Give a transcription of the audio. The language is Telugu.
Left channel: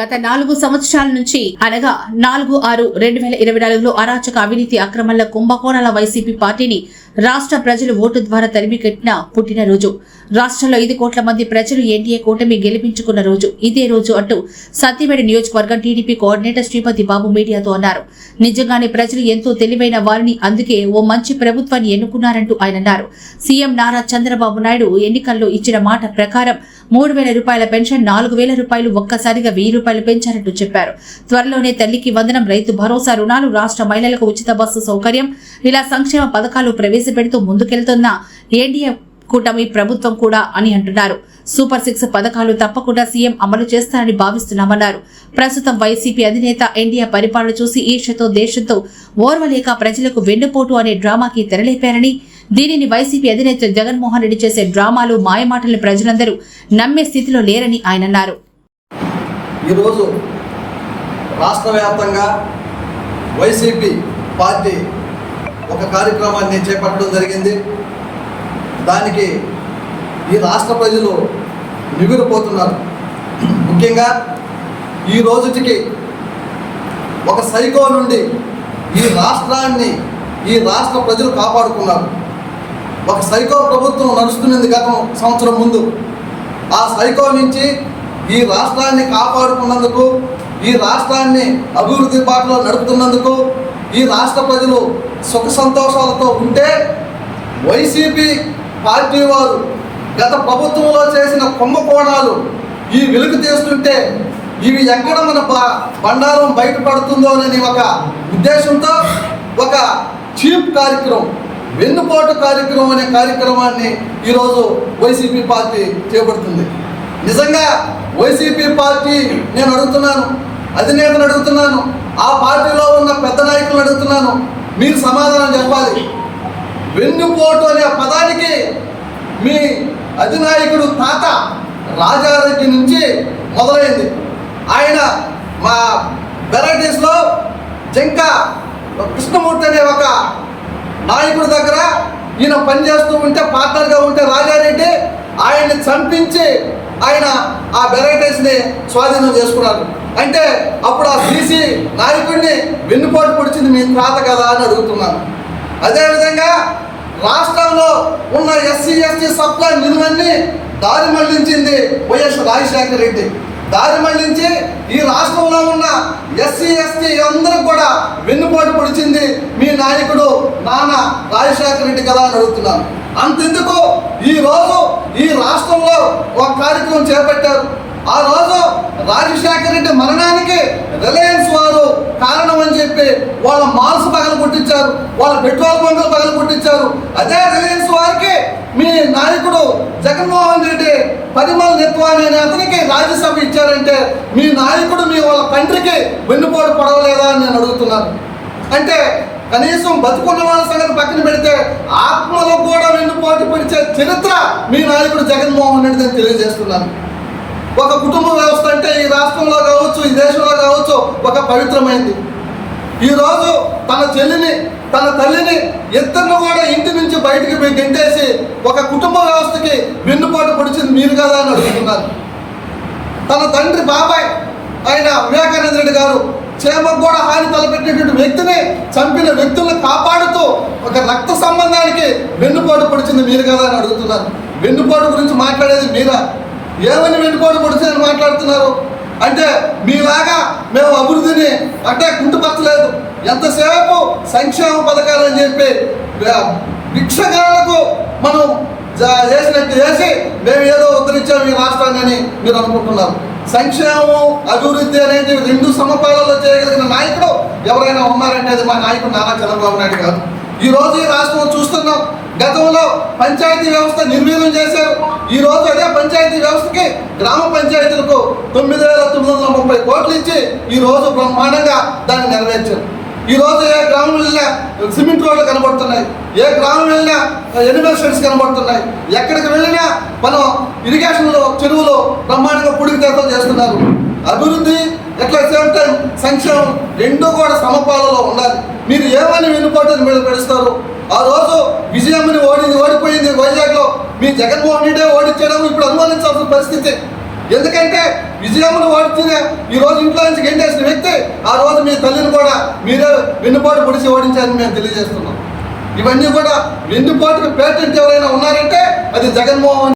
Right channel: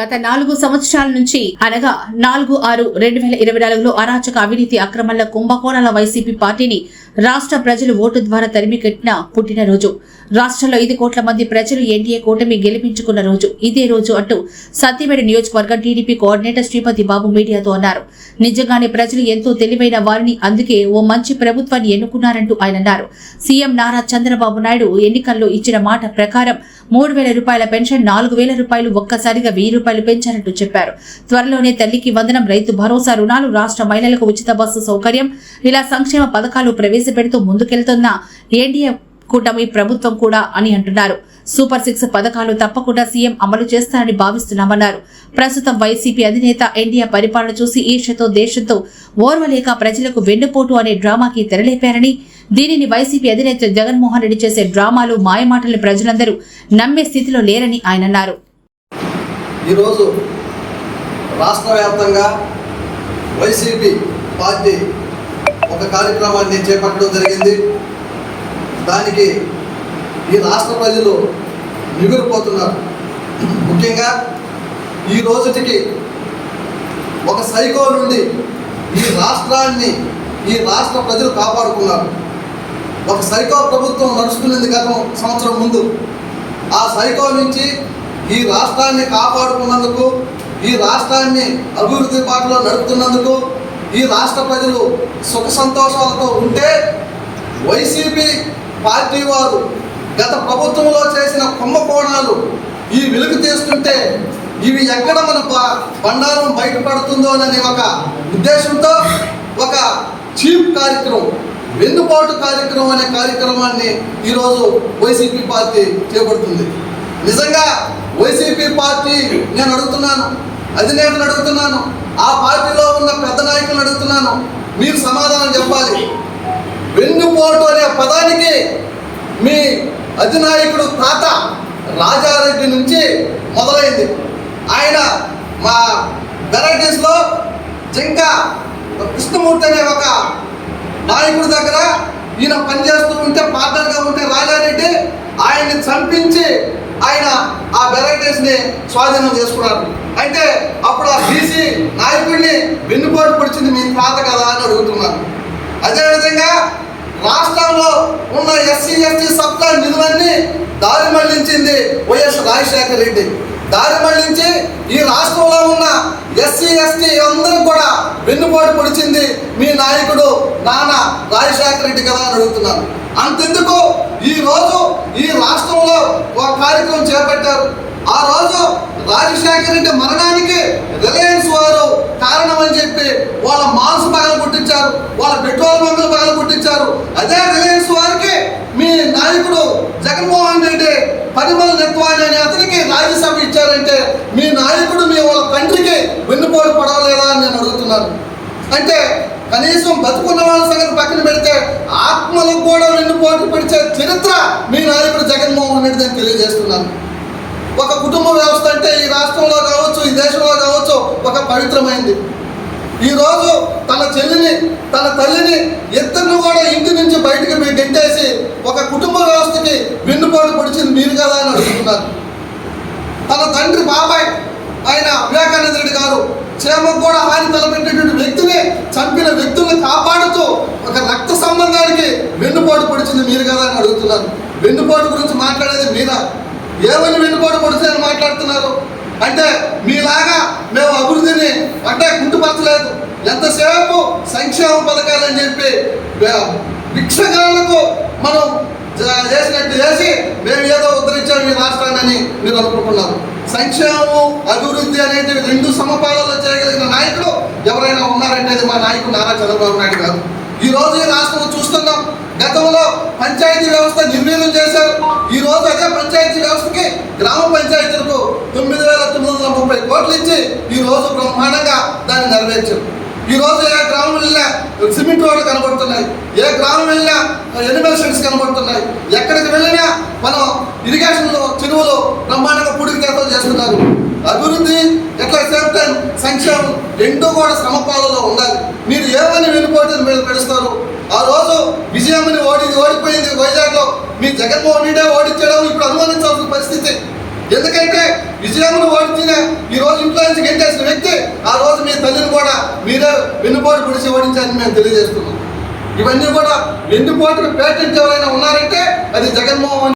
గత నాలుగు సంవత్సరాల నుంచి అనగా నాలుగు ఆరు రెండు వేల ఇరవై నాలుగులో అరాచక అవినీతి అక్రమాల కుంభకోణాల వైసీపీ పార్టీని రాష్ట్ర ప్రజలు ఓటు ద్వారా తరిమికెట్టిన పుట్టినరోజు. రాష్ట్రంలో ఐదు కోట్ల మంది ప్రజలు ఎన్డీఏ కూటమి గెలిపించుకున్న రోజు. ఇదే రోజు అంటూ సత్యవేడ నియోజకవర్గం టీడీపీ కోఆర్డినేటర్ శ్రీపతి బాబు మీడియాతో అన్నారు. నిజంగానే ప్రజలు ఎంతో తెలివైన వారిని అందుకే ఓ మంచి ప్రభుత్వాన్ని ఎన్నుకున్నారంటూ ఆయన అన్నారు. సీఎం నారా చంద్రబాబు నాయుడు ఎన్నికల్లో ఇచ్చిన మాట ప్రకారం మూడు వేల రూపాయల పెన్షన్ నాలుగు వేల రూపాయలు ఒక్కసారిగా వెయ్యి రూపాయలు పెంచారంటూ చెప్పారు. త్వరలోనే తల్లికి వందనం రైతు భరోసా రుణాలు రాష్ట్ర మహిళలకు ఉచిత బస్సు సౌకర్యం ఇలా సంక్షేమ పథకాలు ప్రవేశపెడుతూ ముందుకెళ్తున్న ఎన్డీఏ కూటమి ప్రభుత్వం కూడా అని అంటున్నారు. సూపర్ సిక్స్ పథకాలు తప్పకుండా సీఎం అమలు చేస్తారని భావిస్తున్నామన్నారు. ప్రస్తుతం వైసీపీ అధినేత ఎన్డీఏ పరిపాలన చూసి ఈర్షతో దేశంతో ఓర్వలేక ప్రజలకు వెన్నుపోటు అనే డ్రామాకి తెరలేపారని దీనిని వైసీపీ అధినేత జగన్మోహన్ రెడ్డి చేసే డ్రామాలు మాయమాటలను ప్రజలందరూ నమ్మే స్థితిలో లేరని ఆయన అన్నారు. ఈరోజు రాష్ట్ర వ్యాప్తంగా వైసీపీ పార్టీ ఒక కార్యక్రమాన్ని చేపట్టడం జరిగింది. దానికి ఈ రాష్ట్ర ప్రజలు నిగురిపోతున్నారు ముఖ్యంగా ఈ రోజుటికి ఒక సైకో నుండి ఈ రాష్ట్రాన్ని ఈ రాష్ట్ర ప్రజలు కాపాడుకున్నారు. ఒక సైకో ప్రభుత్వం నడుస్తున్నది గత సంవత్సరం ముందు. ఆ సైకో నుంచి ఈ రాష్ట్రాన్ని కాపాడుకున్నందుకు ఈ రాష్ట్రాన్ని అభివృద్ధి బాటలో నడుపుతున్నందుకు ఈ రాష్ట్ర ప్రజలు సుఖ సంతోషాలతో ఉంటే వైసీపీ పార్టీ వారు గత ప్రభుత్వంలో చేసిన కుంభకోణాలు ఈ వెలుగు తీస్తుంటే ఇవి ఎక్కడ మన బండారం బయటపడుతుందోనని ఒక ఉద్దేశంతో ఒక చీప్ కార్యక్రమం వెన్నుపాటు కార్యక్రమం అనే కార్యక్రమాన్ని ఈరోజు వైసీపీ పార్టీ చేపడుతుంది. నిజంగా వైసీపీ పార్టీ నేను అడుగుతున్నాను అధినేతను అడుగుతున్నాను ఆ పార్టీలో ఉన్న పెద్ద నాయకులను అడుగుతున్నాను మీరు సమాధానం చెప్పాలి. వెన్నుపోటు అనే పదానికి మీ అధినాయకుడు తాత రాజారెడ్డి నుంచి మొదలైంది. ఆయన మా వెరైటీస్లో జంక కృష్ణమూర్తి అనే ఒక నాయకుడి దగ్గర ఈయన పనిచేస్తూ ఉంటే పార్టనర్గా ఉంటే రాజారెడ్డి ఆయన్ని చంపించి ఆయన ఆ వెరైటీస్ని స్వాధీనం చేసుకున్నారు. అంటే అప్పుడు ఆ బీసీ నాయకుడిని వెన్నుపోటు పొడిచింది మీ తాత కదా అని అడుగుతున్నాను అదేవిధంగా రాష్ట్రంలో ఉన్న ఎస్సీ ఎస్టీ సప్లై నిధులన్నీ దారి మళ్ళించింది వైఎస్ రాజశేఖర రెడ్డి. దారి మళ్ళించి ఈ రాష్ట్రంలో ఉన్న ఎస్సీ ఎస్టీ అందరూ కూడా వెన్నుపోటు పొడిచింది మీ నాయకుడు నాన్న రాజశేఖర రెడ్డి కదా అని అడుగుతున్నాను. అంతెందుకు? ఈ ఈ రాష్ట్రంలో ఒక కార్యక్రమం చేపట్టారు. ఆ రోజు రాజశేఖర్ రెడ్డి మరణానికి రిలయన్స్ వారు కారణం అని చెప్పి వాళ్ళ మాల్స్ పగలు కొట్టించారు వాళ్ళ పెట్రోల్ బంకులు పగలు కొట్టించారు. అదే రిలయన్స్ వారికి మీ నాయకుడు జగన్మోహన్ రెడ్డి పరిమళ నెత్వాణి అనే అతనికి రాజ్యసభ ఇచ్చారంటే మీ నాయకుడు మీ వాళ్ళ తండ్రికి వెన్నుపోటు పడవలేదా అని నేను అడుగుతున్నాను. అంటే కనీసం బతుకున్న వాళ్ళ సంగతి పక్కన పెడితే ఆత్మలో కూడా వెన్నుపోటు పడిచే చరిత్ర మీ నాయకుడు జగన్మోహన్ రెడ్డి అని తెలియజేస్తున్నాను. ఒక కుటుంబ వ్యవస్థ అంటే ఈ రాష్ట్రంలో కావచ్చు ఈ దేశంలో కావచ్చు ఒక పవిత్రమైంది. ఈరోజు తన చెల్లిని తన తల్లిని ఇద్దరిని కూడా ఇంటి నుంచి బయటికి గెంటేసి ఒక కుటుంబ వ్యవస్థకి వెన్నుపాటు పొడిచింది మీరు కదా అని అడుగుతున్నారు. తన తండ్రి బాబాయ్ ఆయన వివేకానంద రెడ్డి గారు క్షేమకు కూడా హాని తలపెట్టేటువంటి వ్యక్తిని చంపిన వ్యక్తుల్ని కాపాడుతూ ఒక రక్త సంబంధానికి వెన్నుపోటు పొడిచింది మీరు కదా అని అడుగుతున్నారు. వెన్నుపోటు గురించి మాట్లాడేది మీరా? ఏమని వెన్నుపోటు పొడిచిందని మాట్లాడుతున్నారు? అంటే మీలాగా మేము అభివృద్ధిని అంటే కుంటుపరచలేదు. ఎంతసేపు సంక్షేమ పథకాలు అని చెప్పి వే- భిక్షగాళ్ళకు మనం చేసినట్టు చేసి మేము ఏదో ఈ రాష్ట్రాన్ని మీరు అనుకుంటున్నారు. సంక్షేమం అభివృద్ధి అనేది రెండు సమపాలలో చేయగలిగిన నాయకుడు ఎవరైనా ఉన్నారంటే అది మా నాయకుడు నారా చంద్రబాబు నాయుడు గారు. ఈ రోజు ఈ రాష్ట్రం చూస్తున్నాం. గతంలో పంచాయతీ వ్యవస్థ నిర్వీర్యం చేశారు. ఈ రోజు అదే పంచాయతీ వ్యవస్థకి గ్రామ పంచాయతీలకు తొమ్మిది వేల తొమ్మిది వందల ముప్పై కోట్లు ఇచ్చి ఈ రోజు బ్రహ్మాండంగా దాన్ని నెరవేర్చారు. ఈ రోజు ఏ గ్రామం వెళ్ళినా సిమెంట్ రోడ్లు కనబడుతున్నాయి. ఏ గ్రామం వెళ్ళినా ఎనిమల్ షెడ్స్ కనబడుతున్నాయి. ఎక్కడికి వెళ్ళినా మనం ఇరిగేషన్లో చెరువులో బ్రహ్మాండంగా పుడికి తీర్థం చేస్తున్నారు. అభివృద్ధి ఎట్లా సేమ్ టైం సంక్షేమం రెండూ కూడా సమపాలలో ఉండాలి. మీరు ఏమని వెనుపోటు మీరు పెడుస్తారు? ఆ రోజు విజయమ్మని ఓడింది ఓడిపోయింది వైజాగ్లో. మీ జగన్మోహన్ రెడ్డి ఓడించడం ఇప్పుడు అనుమానించాల్సిన పరిస్థితి. ఎందుకంటే విజయమును ఓడించిన ఈ రోజు ఇంట్లో నుంచి గెంటేసిన వ్యక్తి ఆ రోజు మీ తల్లిని కూడా మీరే వెన్నుపోటు పొడిచి ఓడించారని మేము తెలియజేస్తున్నాం. ఇవన్నీ కూడా వెన్నుపోటుకు పేటెంట్ ఎవరైనా ఉన్నారంటే అది జగన్మోహన్